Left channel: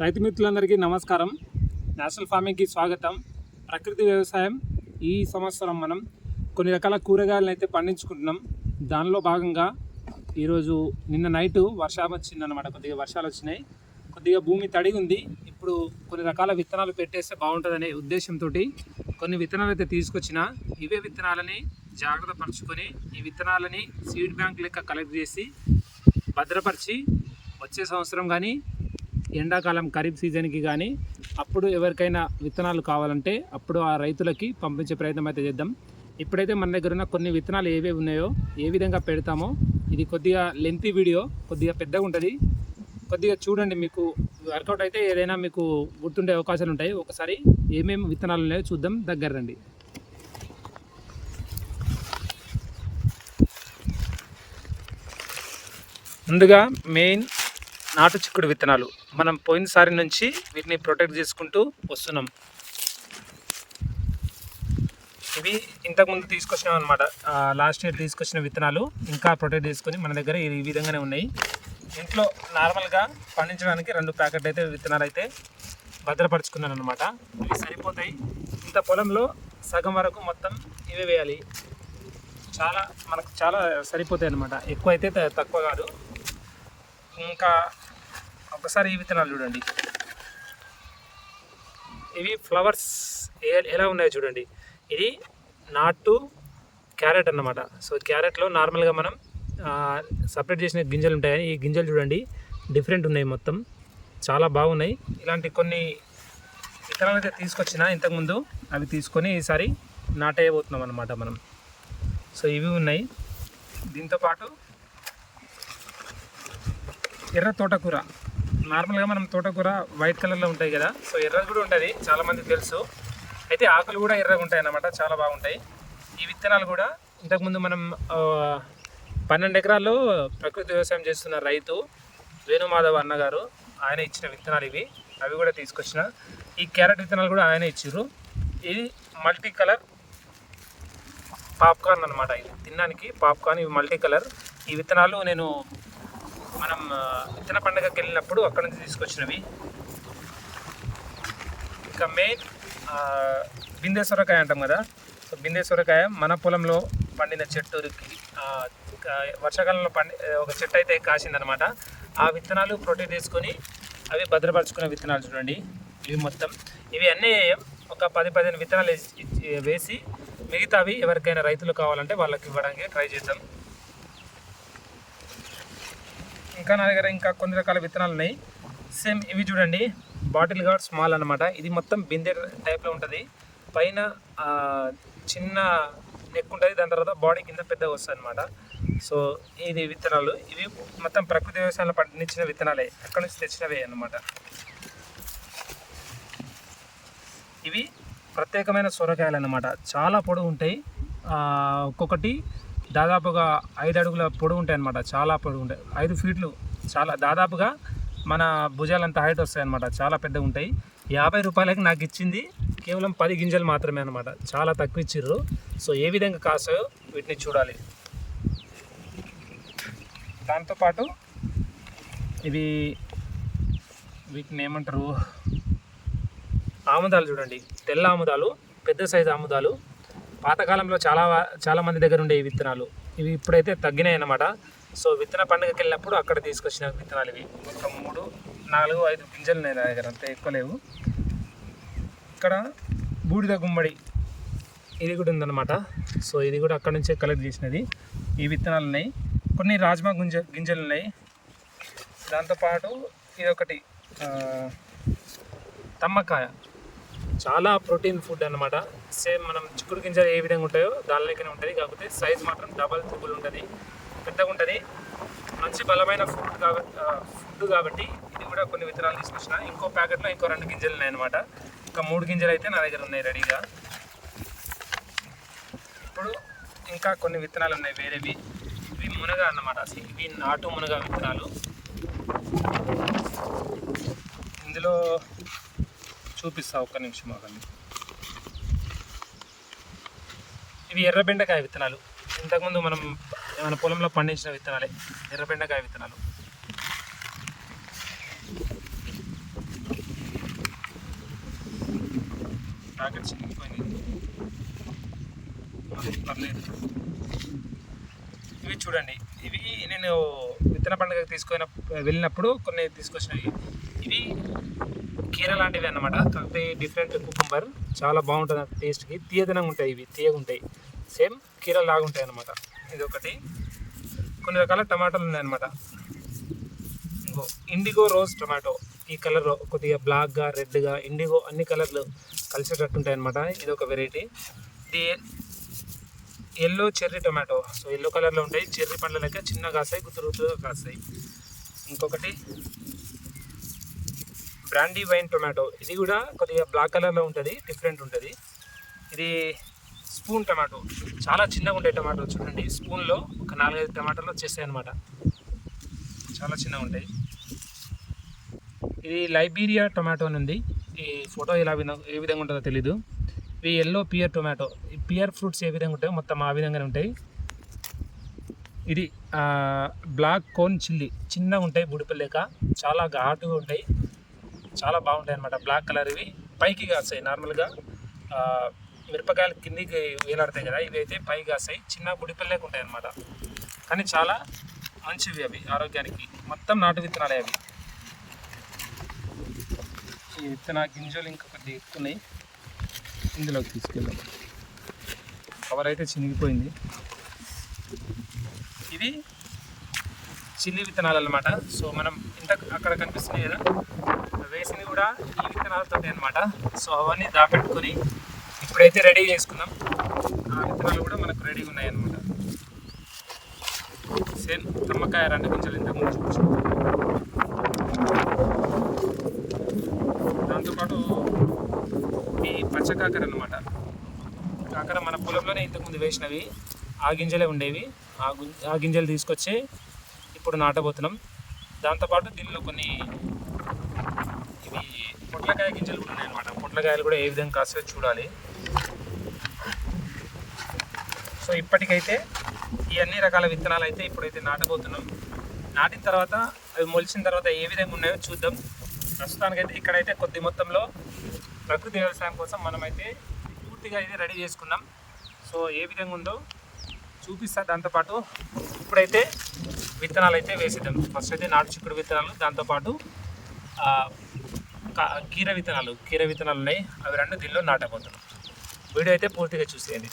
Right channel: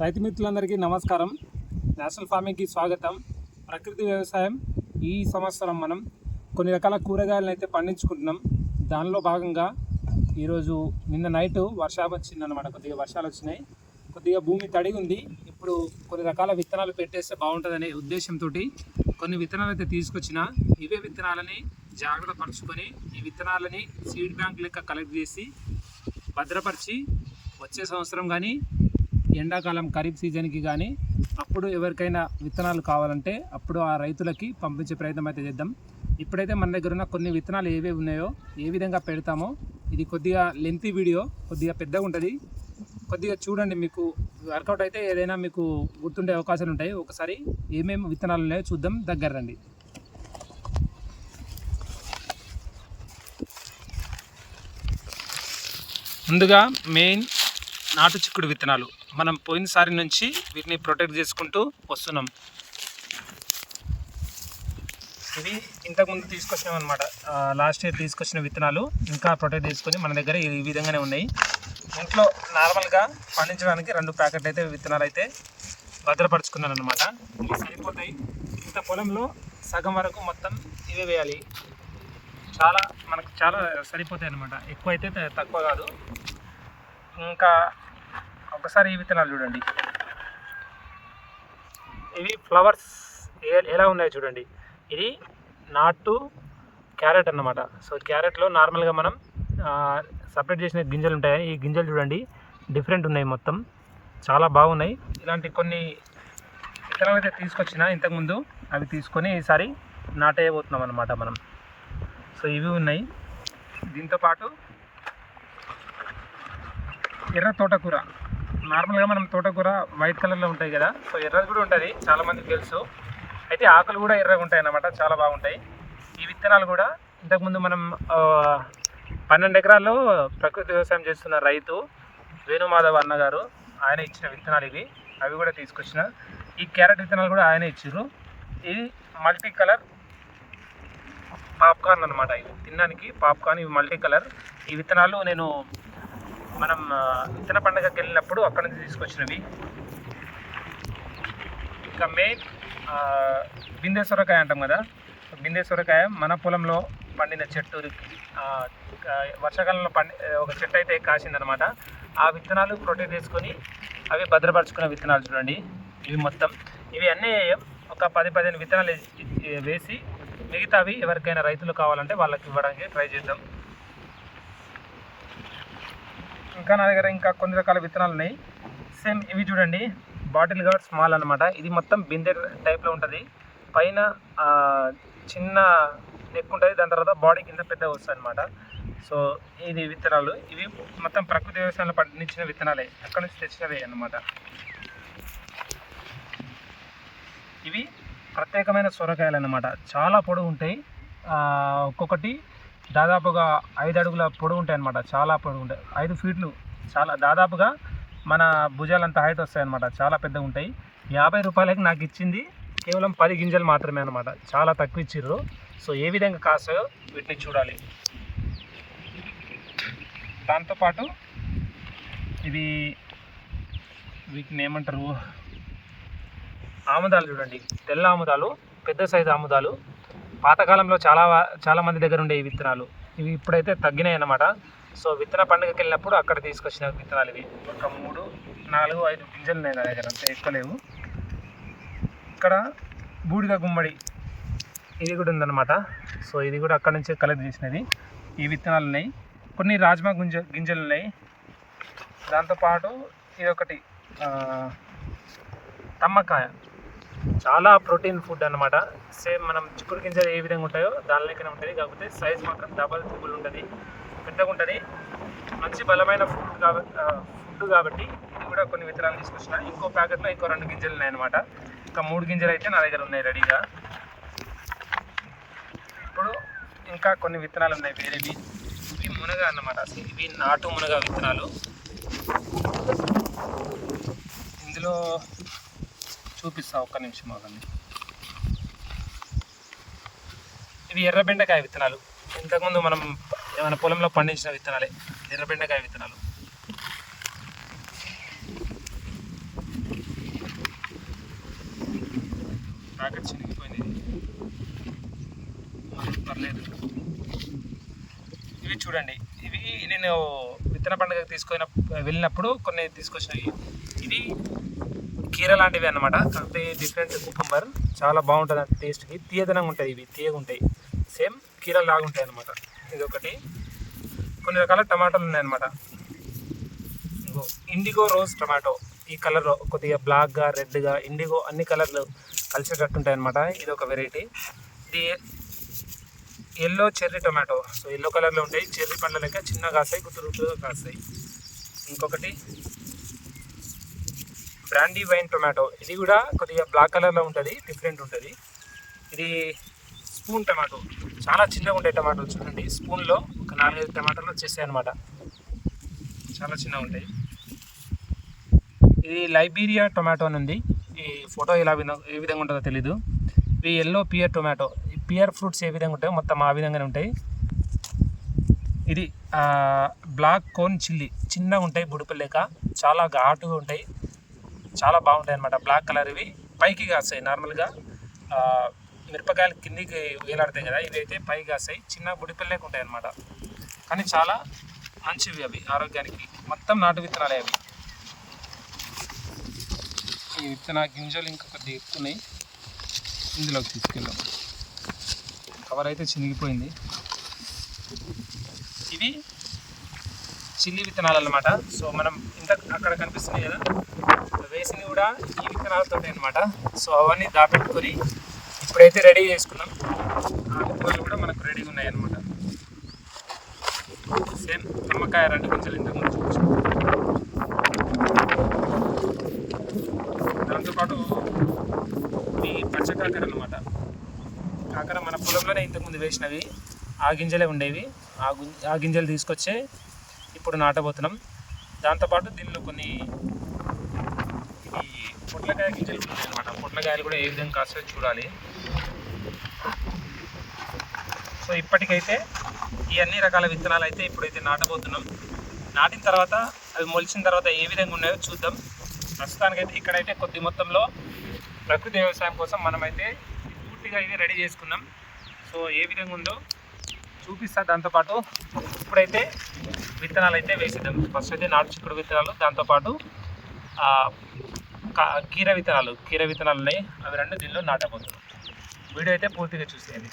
రైతు మిత్రులందరికీ నమస్కారం. నేషనల్ ఫార్మింగ్కి స్వాగతం. ప్రకృతి వ్యవసాయం ఈ సంవత్సరం మనం కొన్ని రకాల కూరగాయలను అయితే పండించుకుంటున్నాం. దానిలో భాగంగా ఈరోజు నిన్న నైట్ వర్షం వచ్చిందనమాట కొద్దిగా వర్షాలు వచ్చినాయి. కొద్దిగా భూమి తడి ఉంది. ఇప్పుడు కొన్ని రకాల విత్తనాలు పెట్టేస్తే బాగుంటుందనే ఉద్దేశంతో కొన్ని విత్తనాలు అయితే తీసుకొచ్చిన. ఇవే విత్తనాలని జాగ్రత్త పరుచుకొని ఈ విత్తనాలని సీడ్ బ్యాంక్ లెక్క కలెక్ట్ చేసి భద్రపరిచి వచ్చే సంవత్సరం కానీ ఎండాకాలం ఖరీఫ్ సీజన్కి కానీ అప్పుడు ఎవరికైనా విత్తనాలు కావాలంటే అప్పుడు ఆ రైతులకి పంపించే ప్రయత్నం అయితే చేద్దాం. ఇప్పుడైతే మన దగ్గర ఉన్న కొన్ని విత్తనాలు ఏవేవి ఉన్నాయో ఏ విధంగా పెడతామో ఇది కొద్దిగా లెంత్ వీడియో కొద్దిగా పెద్దగా ఉంటుంది. కొద్దిగా చూడండి మీకు వర్కౌట్ అయితే ఏదైనా మీకు గుర్తుండే అవకాశాలు ఉంటాయి. ఒకసారి ఏమేమి విత్తనాలు ఉన్నాయో చూద్దాం దగ్గర రండి. ముందుగా మెయిన్ నాటు చిక్కుడు విత్తనాలు. మనం పోయినసారి నుంచి వీటిని ప్రొటెక్ట్ చేసుకుంటూ వస్తున్నాం. ఇవి ఇంతకుముందు తీసుకొచ్చినాం అనమాట లాస్ట్ ఇయర్ తీసుకొచ్చిన విత్తనాలు ఇంకా ప్రొటెక్ట్ చేసుకొని మన దగ్గర ఈ విధంగానే ఉన్నాయి. ఇంట్లో నార్మల్గా పండించడానికి రెండు ప్యాకెట్ అయితే విత్తనాలు అయితే భద్రపరుచుకున్నాను అనమాట ఇవి సరిపోతాయి. ఇంత పొలంలో సగం వరకు మొత్తం ఇవే వేయాలి. చాలా మనకు చాలా సరిపోతాయి అనమాట ఎక్కువ అయితే తక్కువ కాదు. ఇంకా ఒకసారి ఈ విత్తనాలు చూడండి. ఇవి ఫ్లవర్స్ ఏ- ఎలా ఉన్నాయో చూడండి. ఇది నాటు క్యారెట్ అన్నమాట. సో క్యారెట్లో నార్మల్గా మనం సపరేట్ చేసిన గింజలు ఉంటాయి కానీ ఈ గింజలు చూడండి. డిఫరెంట్ ఉన్నాయి మొత్తం. చాలా బాగున్నాయి. ఇలాంటి కొన్ని విత్తనాలు అయితే తీసుకొచ్చిన ఇంతకుముందు అవి తీసుకొని ఈసారి నాటేయబోతున్నాం అనమాట మనం. సో ఇవి ఉన్నాయి. దీంతోపాటు ఎర్ర తోటకూర. నార్మల్గా మనం తోటకూర వైట్ కలర్లో ఉంటాయి కదా సో ఎర్రది కూడా ఉంటుంది చాలామందికి తెలుసు. అయితే ఆకులు కూడా ఎర్రగా ఉంటాయి అన్నమాట చాలా బాగుంటాయి. ఈ విత్తనాలు కూడా ఇంతకుముందు మనం పన్నెండు ఎకరాల్లో ప్రకృతి వ్యవసాయం చేస్తున్న రైతు వేణుమాధవ్ అన్నగారు ఆయన ఇచ్చిన విత్తనాలు ఇవి అవి కూడా తీసుకొచ్చిన. ఈ క్యారెట్ విత్తనాలు కూడా ఆయన ఇచ్చారు ఇది మల్టీ కలర్ పాప్కార్న్ అనమాట ఇది. తినడానికి పాప్కార్న్ ఇవి మల్టీ కలర్ ఈ విత్తనాలు నేను మనం విత్తన పండుగకి వెళ్ళినప్పుడు అక్కడ నుంచి తీసుకొచ్చినవి. ఇంకా మెయిన్ బిందె సొరకాయ అంటాం కదా. సో బిందె సొరకాయ మన పొలంలో పండిన చెట్టు వర్షాకాలంలో పండి ఒక చెట్టు అయితే కాసిందనమాట ఆ విత్తనాలు ప్రొటెక్ట్ చేసుకొని అవి భద్రపరచుకున్న విత్తనాలు చూడండి. ఇవి మొత్తం. ఇవి అన్నీ ఒక పది పదిహేను విత్తనాలు వేసి- వేసి మిగతావి ఎవరికైనా రైతులు కావాలంటే వాళ్ళకి ఇవ్వడానికి ట్రై చేద్దాం. ఇంకా నా దగ్గర ఇంకా కొన్ని రకాల విత్తనాలు ఉన్నాయి. సేమ్ ఇవి చూడండి. బాటిల్ గార్డ్ స్మాల్ అన్నమాట. ఇది మొత్తం బిందె టైప్లో ఉంటుంది. పైన చిన్న నెక్ ఉంటుంది. దాని తర్వాత బాడీ కింద పెద్దగా వస్తుంది అనమాట సో ఇది విత్తనాలు. ఇవి మొత్తం ప్రకృతి వ్యవసాయంలో పండించిన విత్తనాలే. అక్కడ నుంచి తెచ్చినవే అనమాట ఇవి ప్రత్యేకమైన సొరకాయలు అనమాట చాలా పొడవు ఉంటాయి ఒక్కొక్కటి దాదాపుగా ఐదు అడుగుల పొడవు ఉంటాయి అన్నమాట. చాలా పొడవు ఉంటాయి. ఐదు ఫీట్లు చాలా దాదాపుగా మన భుజాలంత హైట్ వస్తాయి అన్నమాట. చాలా పెద్దగా ఉంటాయి. యాభై రూపాయలకి నాకు ఇచ్చింది కేవలం పది గింజలు మాత్రమే అనమాట చాలా తక్కువ ఇచ్చిర్రు. సో ఏ విధంగా కాస్తాయో వీటిని చూడాలి. దాంతోపాటు ఇది వీటిని ఏమంటారు? ఆముదాలు చూడండి. తెల్ల ఆముదాలు పెద్ద సైజు ఆముదాలు పాతకాలంలో చాలా చాలా మంది దగ్గర ఉండే ఈ విత్తనాలు. ఇవి ఇప్పుడైతే తగ్గినాయి అన్నమాట. సో విత్తన పండుగకి వెళ్ళినప్పుడు అక్కడ తీసుకొచ్చిన విత్తనాలు ఇవి. ఒక మూడు నాలుగు ఐదు గింజలు ఉన్నాయి నా దగ్గర అంతే ఎక్కువ లేవు. ఇక్కడ బూడిద గుమ్మడి ఇది కూడా ఉందన్నమాట. సో ఇది కూడా అక్కడ నుంచే కలెక్ట్ చేసినది. ఈ విత్తనాలు ఉన్నాయి. కొన్ని రాజ్మా గుంజ గింజలు ఉన్నాయి. దాంతోపాటు ఇది ఒకటి తమ్మకాయ. చాలా ప్రోటీన్ ఫుడ్ అన్నమాట. సేమ్ మనం చిక్కుడు గింజలు ఏ విధంగా ఉంటాయో దాని లెక్కనే ఉంటుంది. కాకపోతే సైజ్ మాత్రం డబల్ త్రిబుల్ ఉంటుంది. పెద్దగా ఉంటుంది. మంచి బలమైన ఫుడ్ కాబట్టి ఫుడ్ కాబట్టి ఇది కూడా కొన్ని విత్తనాలు తీసుకొచ్చిన. ఇంకో ప్యాకెట్లో ఇంకో రెండు గింజలు ఉన్నాయి అనమాట ఇంకా మూడు గింజలు అయితే నా దగ్గర ఉన్నాయి రెడీగా. ఇప్పుడు ఇంకా కొన్ని విత్తనాలు ఉన్నాయి వేరేవి. ఇవి మునగ అన్నమాట. ఇవి నాటు మునగ విత్తనాలు. ఇందులో చూపిస్తా ఒక్క నిమిషం ఆగండి. ఇవి ఎర్ర బెండకాయ విత్తనాలు. ఇంతకుముందు మనం మన పొలంలో పండించిన విత్తనాలే. ఎర్ర బెండకాయ విత్తనాలు. ప్యాకెట్ చినిగిపోయింది. పర్లేదు. ఇవి చూడండి. ఇవి నేను విత్తన పండుగ తీసుకొని వెళ్ళినప్పుడు కొన్ని తీసుకొచ్చినవి ఇవి కీర లాంటివి అన్నమాట. కాకపోతే డిఫరెంట్ కుకుంబర్ చాలా బాగుంటుంది టేస్ట్కి తీయదనంగా ఉంటాయి ఇవి తీయగా ఉంటాయి. సేమ్ కీర లాగా ఉంటాయి అన్నమాట. ఇది ఒకటి కొన్ని రకాల టమాటాలు ఉన్నాయి అన్నమాట. ఇండిగో రోజ్ టమాటో ఈ కలర్ కొద్దిగా బ్లాక్గా రెడ్గా ఇండిగో అన్ని కలర్లు కలిసేటట్టు ఉంటాయి ఇది ఒక వెరైటీ ఇది yellow cherry tomato so yellow కలర్లో ఉంటాయి. చెర్రీ పండ్ల లెక్క చిన్న కాస్తాయి గుత్తురు గుత్తురుగా కాస్తాయి. ఇంకొకటి బ్రాండీ వైన్ టొమాటో. ఇది కూడా కొద్దిగా బ్లాక్ కలర్లో ఉంటుంది డిఫరెంట్ ఉంటుంది. ఇది స్పూన్ టమాటో. చాలా చిన్నగా ఉంటాయి టమాటో చూడండి. స్పూన్లో ఒక నాలుగైదు టమాటాలు వచ్చేస్తాయి అనమాట చాలా చిన్నగా ఉంటాయి. ఇది లైబీరియా టొమాటో అని ఉంది. ఈ ఫోటో ఇలా విధంగా ఏ విధంగా ఉంటుందో తెలీదు. ఇవి ఎల్లో పియర్ టొమాటో ఈ పియర్ ఫ్రూట్స్ ఏ విధంగా ఉంటాయో మొత్తం ఆ విధంగానే ఉంటాయి. ఇది బ్లాక్ కోన్ చిల్లీ చిన్నగా ఉంటాయి బుడిపి లేక చాలా ఘాటుగా ఉంటాయి. చాలా బాగుంటాయి అన్నమాట బ్లాక్ కలర్ ఇవి. పైకి కాస్తాయి నార్మల్గా. మిరపకాయలు కిందికి వేలాడతాయి కదా ఇవి అయితే పైకి కాస్తాయి. చిన్న బుడిపిల్లకి ఉంటాయి అనమాట కానీ చాలా మంచివి అవి ఆరోగ్యానికి. మొత్తం నాటు విత్తనాలే అవి. ఈ విత్తన గింజలు ఇంకా కొద్దిగా ఎక్కున్నాయి ఇందులోకి తీసుకెళ్ళాం కవర్ అయితే చినిగిపోయింది. ఇవి చిల్లి విత్తనాలు అనమాట సో మనం ఇంత అక్కడ కనిపిస్తున్నాయి కదా వేసినవి కూడా ఈ విత్తనాలతో అన్నమాట. సో అవన్నీ దాపెట్టుకొని ఇప్పుడైతే రెడీ చేసుకున్నాం ఆ విత్తనాలు కూడా మనకు రెడీగా ఉన్నాయి అనమాట సేమ్ నిమ్మకాయ రెండు గింజలు ఇంతకు ముందు దాంతోపాటు ఈ పచ్చ కాకర అనమాట కాకర మన పొలంలోనే ఇంతకుముందు వేసినవి. ఆ గింజలే ఉండేవి. ఆ గుం- ఆ గింజలు తీసుకొచ్చి ఇప్పుడు నాటబోతున్నాం. దాంతోపాటు దీనిలో కొన్ని ఇవి పొట్లకాయ గింజలు కూడా ఉన్నాయి అనమాట పొట్లకాయలు కూడా ఏ విధంగా కాస్తో చూడాలి. సో ఇప్పటికైతే ఈ అన్ని రకాల విత్తనాలు అయితే ఇప్పుడైతే నాటబోతున్నాం. నాటిన తర్వాత అవి మొలిచిన తర్వాత ఏ విధంగా ఉన్నాయో చూద్దాం. ప్రస్తుతానికైతే ఇక్కడైతే కొద్ది మొత్తంలో ప్రకృతి వ్యవసాయం కోసం మనమైతే పూర్తిగా ఇది రెడీ చేసుకున్నాం. సో ఏ విధంగా ఉందో చూపిస్తా. దాంతోపాటు ఇప్పుడైతే విత్తనాలు అయితే వేసిద్దాం. ఫస్ట్ అయితే నాటు చిక్కుడు విత్తనాలు దాంతోపాటు కీర విత్తనాలు. కీర విత్తనాలు ఉన్నాయి అవి రెండు దీనిలో నాటబోతున్నాం. వీడియో అయితే పూర్తిగా చూసేయండి.